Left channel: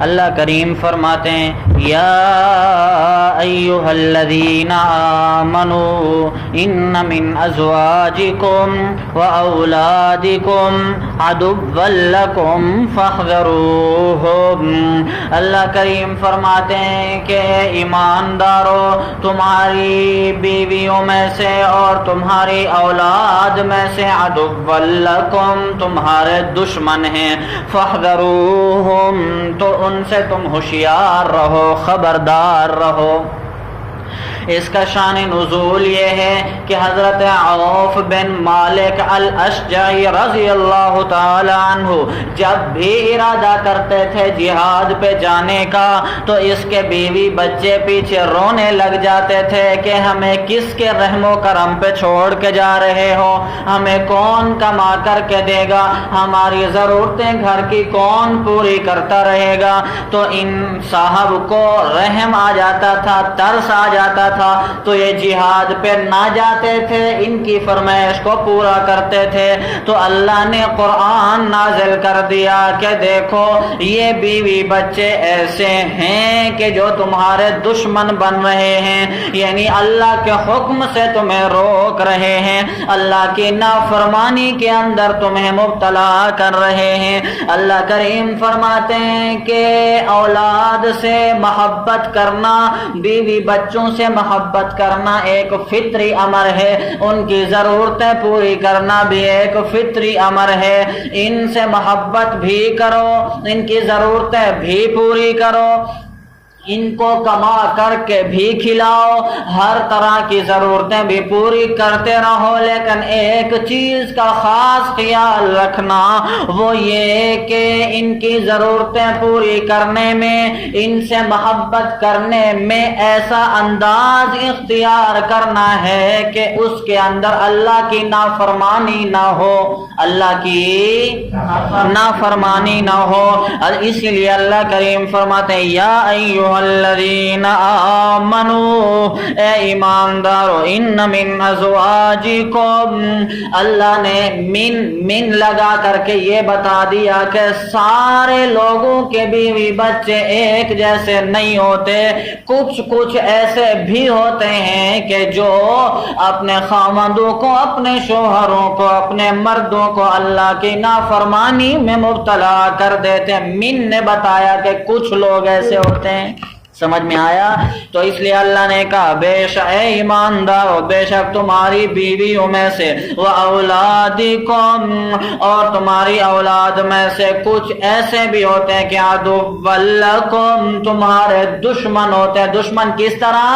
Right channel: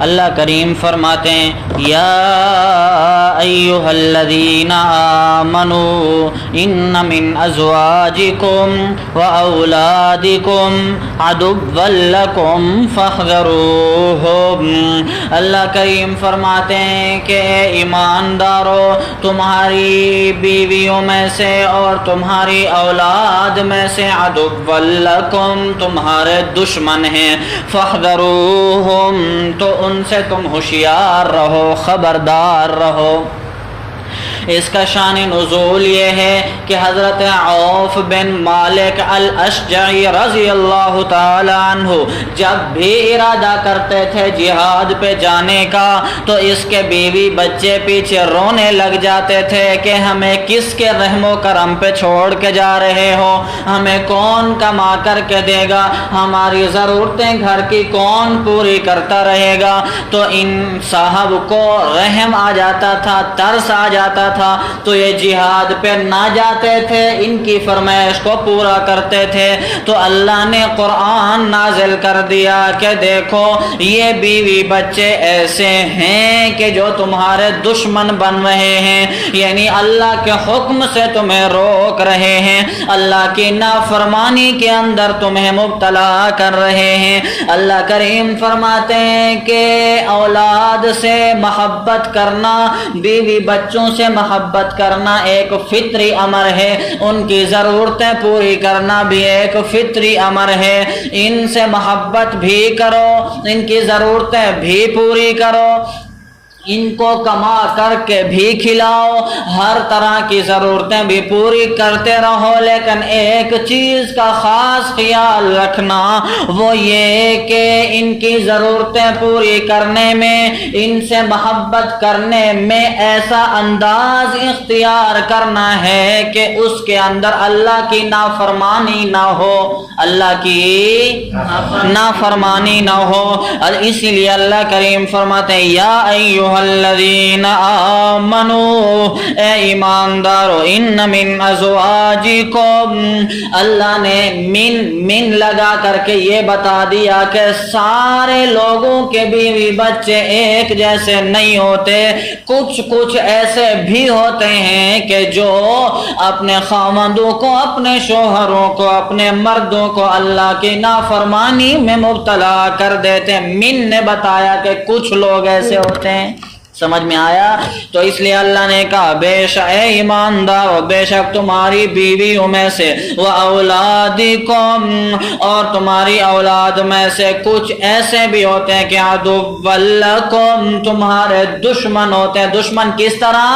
اللہ کریم فرماتے ہیں یا ایھا الذین آمنوا ان من ازواجکم واولادکم عدوا لکم فاحذروہم۔ اللہ کریم فرماتے ہیں کہ اے ایماندارو، تمہاری بیویوں میں سے اور تمہاری اولاد میں سے عدوا لکم، تمہارے دشمن ہیں، فاحذروہم، تو ان سے تم ہوشیار رہو، خبردار رہو۔ اس کا شان نزول یہ ہے کہ حضرت عوف بن مالک الاشجعی رضی اللہ تعالی عنہ جب بھی ارادہ کرتے تھے جہاد پہ جانے کا تو اس کے بیوی بچے پیچھے رونے لگ جاتے تھے کہ ہمیں کس کے رحم و کرم پہ چھوڑ کے جا رہے ہو، ہمیں کون کما کر کے دے گا، ہماری ضرورتیں گھر کی کون پوری کرتا رہے گا۔ تو ان صاحب کو رحم آ جاتا تھا، ترس آ جاتا تھا، تو یہ جہاد پہ نہ جاتے تھے، ان کی فرمائش کو پورا کرتے تھے۔ تو اللہ نے قرآن نازل کر دیا کہ دیکھو یہ بیوی بچے ایسے ہیں کہ جو تمہارے دشمن بن رہے ہیں، یعنی اللہ کے حکم سے تمہیں روک رہے ہیں، اللہ کی نافرمانی کے اندر تمہیں مبتلا کر رہے ہیں۔ اللہ کریم فرماتے ہیں کہ اولاد سے محبت کرنا، بیوی بچوں سے محبت کرنا ایک فطری امر ہے، ان کی ضرورتیں پوری کرنا بھی ایک فطری امر ہے۔ ان سے محبت بھی کرو، ان کی ضرورتیں بھی پوری کرو، ان کو کما کر کے بھی کھلاؤ، ہر طرح کی ضرورتیں بھی پوری کرتے رہو، لیکن ایک چیز کا خاص خیال رکھنا، وہ یہ کہ ان کی ضرورتیں پوری کرنے میں، ان سے محبت کرنے میں ایسا انداز اختیار کرنا ہے کہ اس کے اندر اللہ کی نافرمانی نہ ہو، اللہ کی نافرمانی نہ ہو۔ اور اس لیے اللہ کریم فرماتے ہیں یا ایھا الذین آمنوا، اے ایماندارو، ان من ازواجکم، اللہ نے من لگا کر کے یہ بتا دیا کہ سارے لوگوں کے بیوی بچے ایک جیسے نہیں ہوتے، کچھ ایسے بھی ہوتے ہیں کہ جو اپنے خامندوں کو، اپنے شوہروں کو، اپنے مردوں کو اللہ کی نافرمانی میں مبتلا کر دیتے۔ من نے بتایا کہ کچھ لوگ ایسے ہوتے ہیں، سمجھ میں آیا؟ تو اس لیے اللہ نے کہا بے شک اے ایماندارو، بے شک تمہاری بیویوں میں سے وَأَوْلَادِكُمْ، اور تمہاری اولاد میں سے کچھ ایسے بھی ہوتے ہیں کہ عَدُوًّا لَكُمْ، تمہارے دشمن ہوتے ہیں۔ دشمن کس طرح؟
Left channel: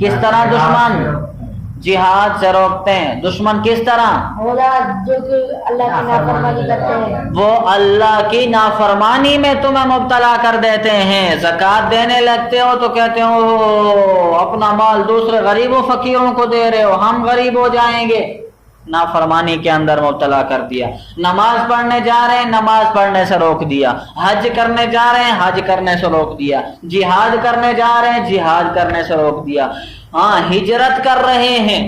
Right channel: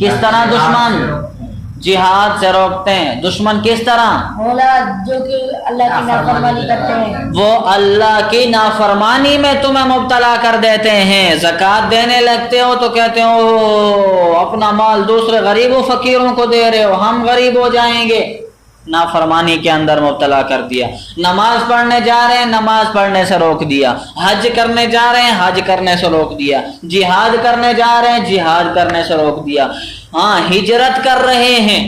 کس طرح دشمن؟ جہاد سے روکتے ہیں۔ دشمن کس طرح؟ اولاد جو کہ اللہ کی نافرمانی کرتے ہیں، وہ اللہ کی نافرمانی میں تمہیں مبتلا کر دیتے ہیں۔ زکوٰۃ دینے لگتے ہو تو کہتے ہو اپنا مال دوسرے غریب و فقیروں کو دے رہے ہو، ہم غریب ہو جائیں گے۔ نافرمانی کے اندر مبتلا کر دیا۔ نماز پڑھنے جا رہے ہیں، نماز پڑھنے سے روک دیا۔ حج کرنے جا رہے ہیں، حج کرنے سے روک دیا۔ جہاد کرنے جا رہے ہیں، جہاد کرنے سے روک دیا۔ ہاں، ہجرت کر رہے ہیں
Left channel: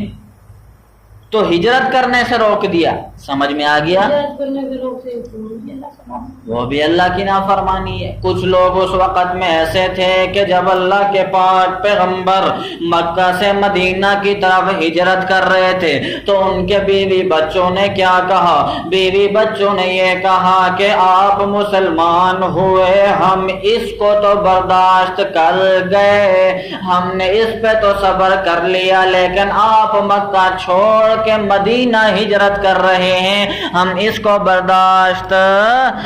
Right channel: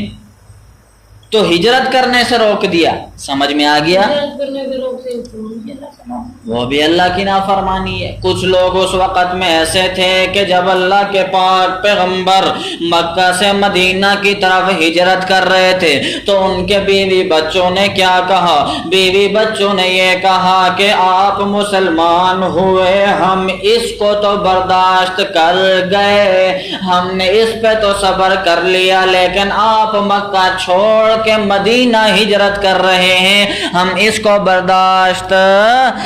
تو ہجرت کرنے سے روک دیا۔ سمجھ میں آ گیا؟ وہ بھی اللہ کی نافرمانی ہے۔ کچھ لوگ اس وقت میں ایسے تھے کہ جب اللہ کے پاک پیغمبر مکہ سے مدینہ کی طرف ہجرت کر رہے تھے تو ان کے بیوی بچوں نے کیا کہا؟ بیوی بچوں نے یہ کہا کہ آپ مسلمان ہوئے، ہم اس کو تو برداشت کر گئے، ہم نے اس پہ تو صبر کر لیا، لیکن آپ مکہ چھوڑ کے مدینہ ہجرت کر رہے ہیں، ہم اس کو برداشت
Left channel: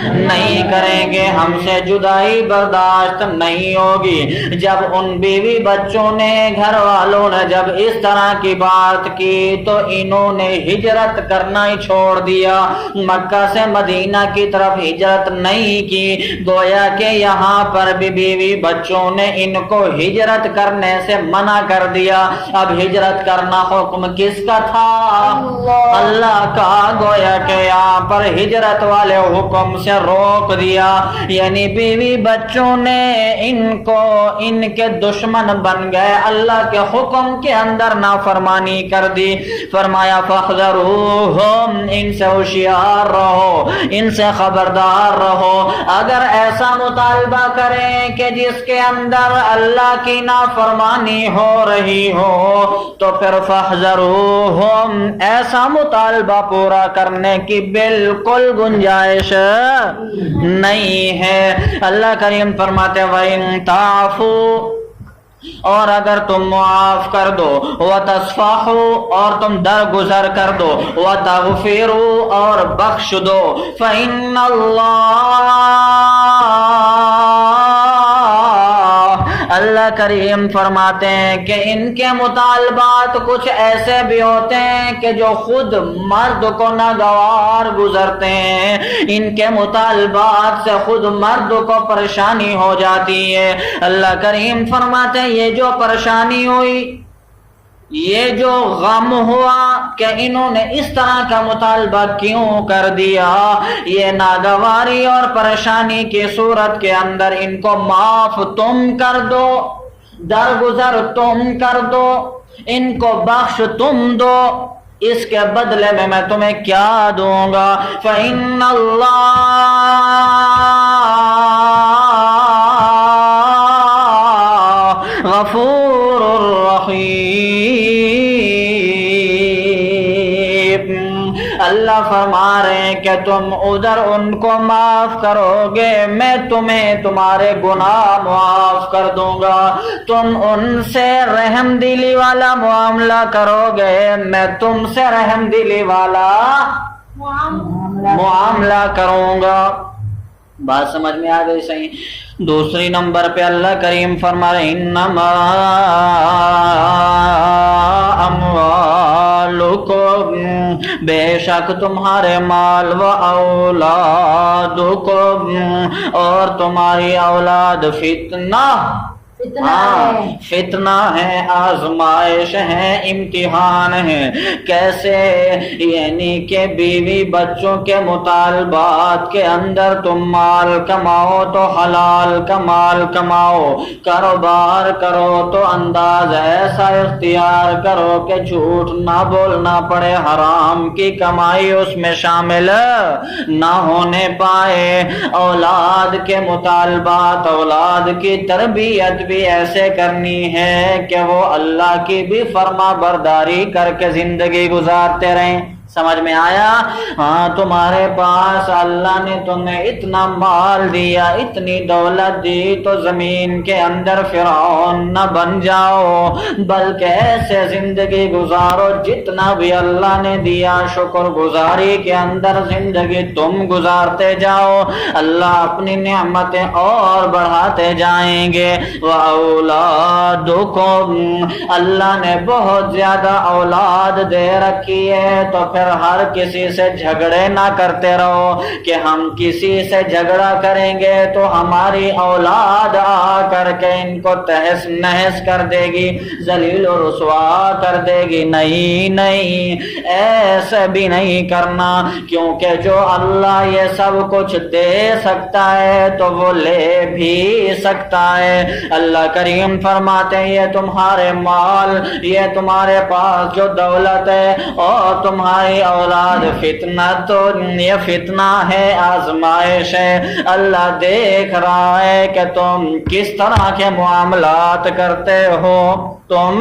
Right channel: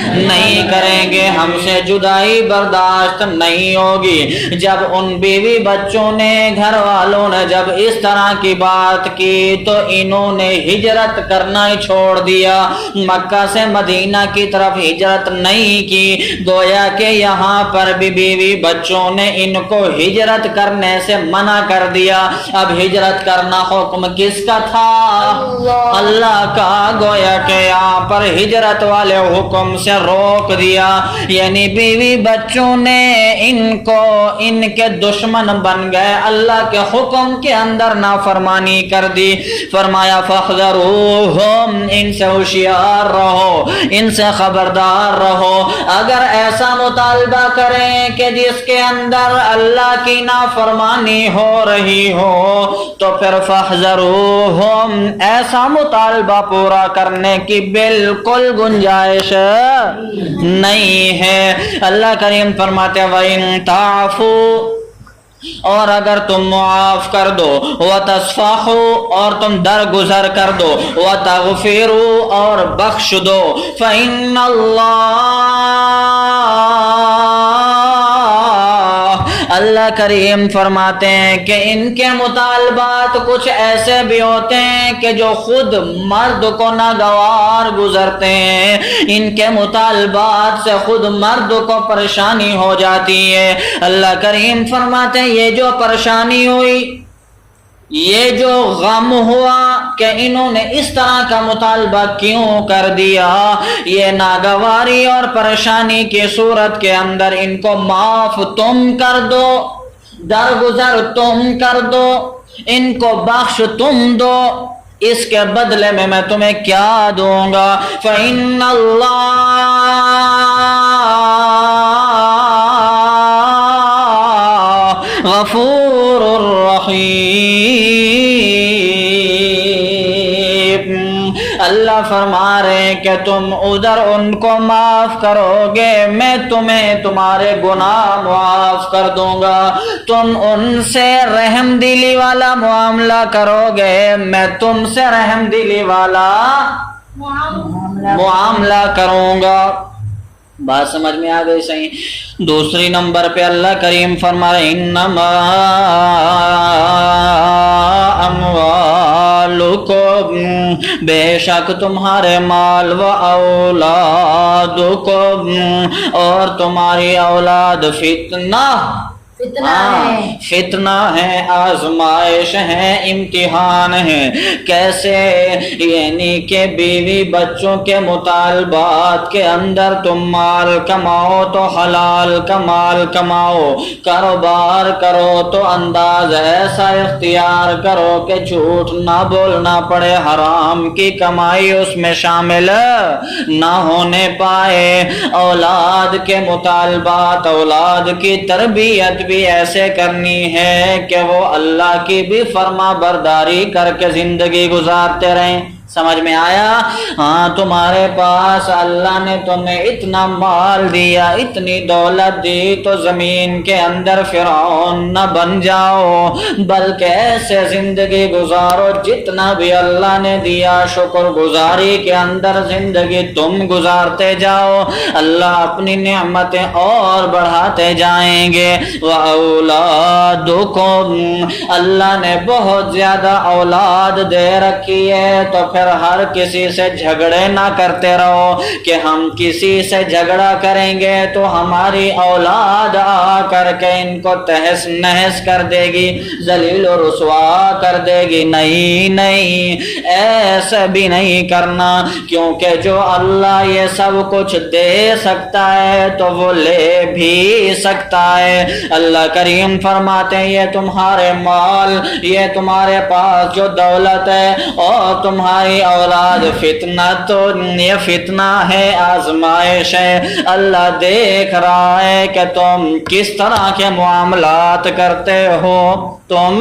نہیں کریں گے، ہم سے جدائی برداشت نہیں ہوگی۔ جب ان بیوی بچوں نے، گھر والوں نے جب اس طرح کی بات کی تو انہوں نے ہجرت کرنا ہی چھوڑ دیا، مکہ سے مدینہ کی طرف ہجرت نہیں کی۔ گویا کہ یہاں پر بھی بیوی بچوں نے ان کو ہجرت کرنے سے منع کر دیا۔ اب ہجرت کرنا حکم کس کا تھا؟ اللہ کا گویا کہ یہاں پر ہجرت والے حکم سے روک دیا، یعنی بیوی بچوں نے ان کو ان کے دشمن بن گئے، اللہ کے حکم کے اندر نافرمانی کر دی۔ فرمایا فاحذروہم، ان سے ہوشیار رہو، ان سے خبردار رہو۔ اگر ایسا مطالبہ کریں کہ جس کے اندر اللہ کی نافرمانی ہو رہی ہو تو پھر فاحذروہم، ایسا مطالبہ پورا کرنے کی بالکل گنجائش نہیں ہے۔ اللہ کریم فرماتے وَإِن تَعْفُوا، اور اگر تم معاف کر دو، وَتَصْفَحُوا، اور تم درگزر کر دو، وَتَغْفِرُوا، اور بخش دو، فَإِنَّ اللہ کریم فرماتے ہیں کہ ان کے مطالبات کچھ ایسے بھی ہوتے ہیں کہ جو خود مرد کو ناگوار گزرتے ہیں، ان کے مطالبات سے خود مرد کو پریشانی ہو جاتی ہے۔ اللہ کریم فرماتے ہیں یہ جو پریشانی ہوئی، یہ جو غم ہوا کہ انہوں نے اس طرح کا مطالبہ کیوں کر دیا، یہ ناگواری اور پریشانی کی صورت کے اندر ان کو معاف تم کر دو، درگزر تم کر دو، ان کو بخش تم دو، اس کے بدلے میں تمہیں کیا دوں گا؟ فَإِنَّ اللَّهَ غَفُورٌ رَحِيمٌ۔ اللہ فرما رہے ہیں کہ تم ادھر ان کو معاف کرو گے، میں تمہیں تمہارے گناہ معاف کر دوں گا۔ تم ان سے رحم دلی والا معاملہ کرو گے، میں تم سے رحم دلی والا معاملہ کروں گا۔ بات سمجھ میں آ گئی صحیح؟ دوسری نمبر پہ اللہ کریم فرما رہے انما اموالکم، بے شک تمہارے مال و اولادکم، اور تمہاری اولاد فتنہ ہے، آزمائش ہے، امتحان ہے۔ کیسے؟ یعنی کہ بیوی بچوں کے مطالبات کے اندر تم مال کماؤ تو حلال کا مال کماؤ، کاروبار کرو تو انداز ایسا اختیار کرو کہ جھوٹ نہ بولنا پڑے، حرام کی کمائی اس میں شامل نہ ہونے پائے۔ اولاد کے مطالبات، اولاد کی تربیت بھی ایسے کرنی ہے کہ وہ اللہ کی بھی فرما برداری کر کے زندگی گزارتے رہیں۔ سمجھ میں آیا؟ ہاں، تمہارے پاس اللہ نے تمہیں اتنا مال دیا، اتنی دولت دی، تو زمین کے اندر فرعون نہ بن جاؤ، بلکہ ایسے زندگی گزارو جتنا بھی اللہ نے دیا، شکر گزاری کے اندر زندگی تم گزارتے جاؤ، اللہ اپنی نعمتیں اور بڑھاتے جائیں گے۔ وَأَوْلَادُكُمْ، اللہ نے بہت زیادہ اولاد دے رکھی ہے، تو پھر ہر کسی سے جھگڑے نہ کرتے رہو کہ ہم کسی سے جھگڑا کریں گے تو ہماری اولاد آ کر کے ان کو تہس نہس کر دے گی، ذلیل و رسوا کر دے گی۔ نہیں، ایسا بھی نہیں کرنا، کیونکہ جو اللہ یہ سب کچھ دے سکتا ہے تو وہ لے بھی سکتا ہے۔ اللہ کریم فرماتے ہیں یہ تمہارے مال، یہ تمہارے پاس جو دولت ہے اور تمہاری اولاد فتنہ، تو یہ فتنہ ہے، آزمائش ہے۔ اللہ دیکھ رہا ہے کہ تم کس طرح کے معاملات کرتے ہو، تم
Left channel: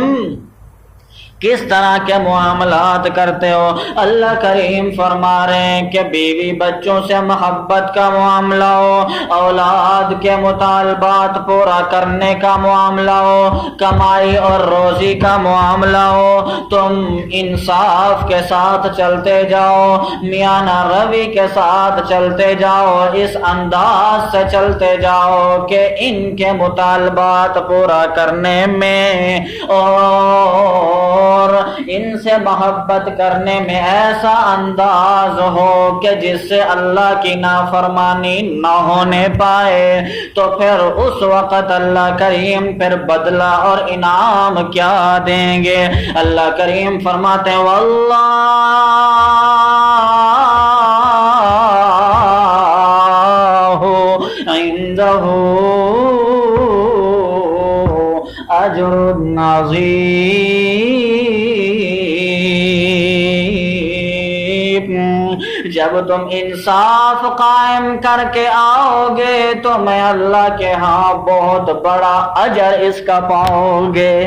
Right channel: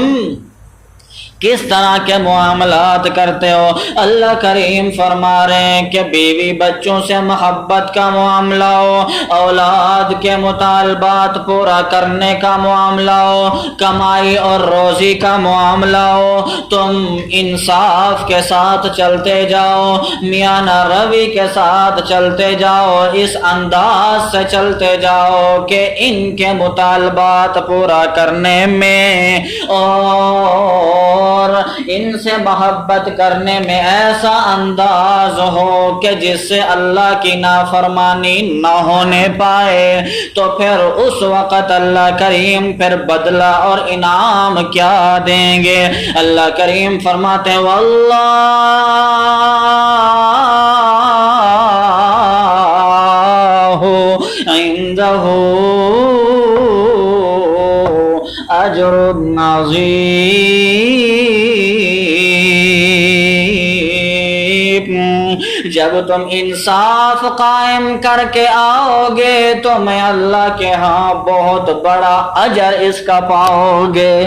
کس طرح کے معاملات کرتے ہو۔ اللہ کریم فرما رہے ہیں کہ بیوی بچوں سے محبت کا معاملہ ہو، اولاد کے مطالبات پورا کرنے کا معاملہ ہو، کمائی اور روزی کا معاملہ ہو، تم انصاف کے ساتھ چلتے جاؤ، میانہ روی کے ساتھ چلتے جاؤ، اس انداز سے چلتے جاؤ کہ ان کے مطالبات پورا کرنے میں اور ان سے محبت کرنے میں ایسا انداز ہو کہ جس سے اللہ کی نافرمانی نہ ہونے پائے، تو پھر اس وقت اللہ کریم پھر بدلہ اور انعام کیا دیں گے؟ اللہ کریم فرماتے ہیں واللہ عندہ اجر عظیم۔ جب تم انصاف قائم کر کے آؤ گے تو میں اللہ کے ہاں بہت بڑا اجر اس کا پاؤ گے۔